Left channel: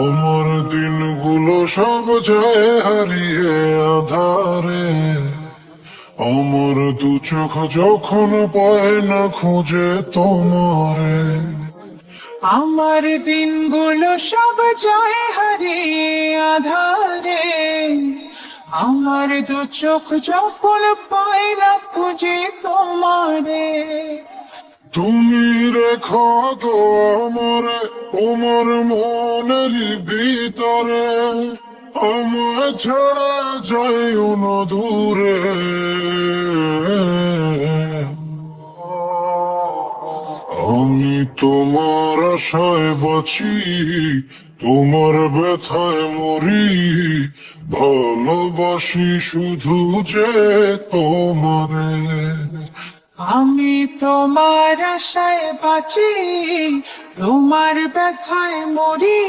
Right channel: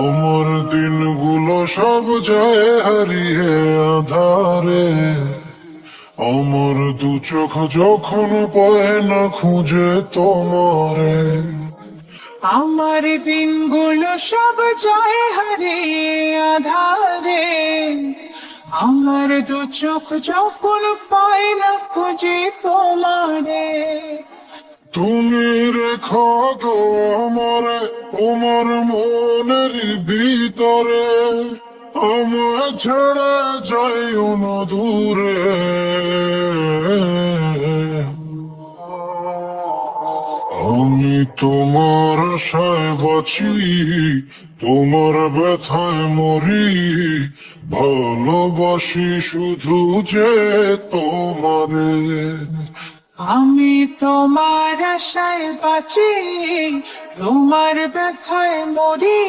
আমার দিনগুলো সব যায় হারিয়ে আধারে, আমার দু চোখ যখন পায় না খুঁজে তোমারে। আমার দিনগুলো সব যায় হারিয়ে আধারে, আমার দু চোখ যখন পাই না খুঁজে তোমারে। তুমি রেখো তো আমারে তোমার মনের ভিতরে, আমায় ছেড়ে যাইও না দূরে। আমি তোমার আশায় বাঁচি, তোমার ব্যথায় মরি, ভালোবাসি শুধু যে তোমারে। আমি তোমার আশায় বাঁচি, তোমার ব্যথায় মরি।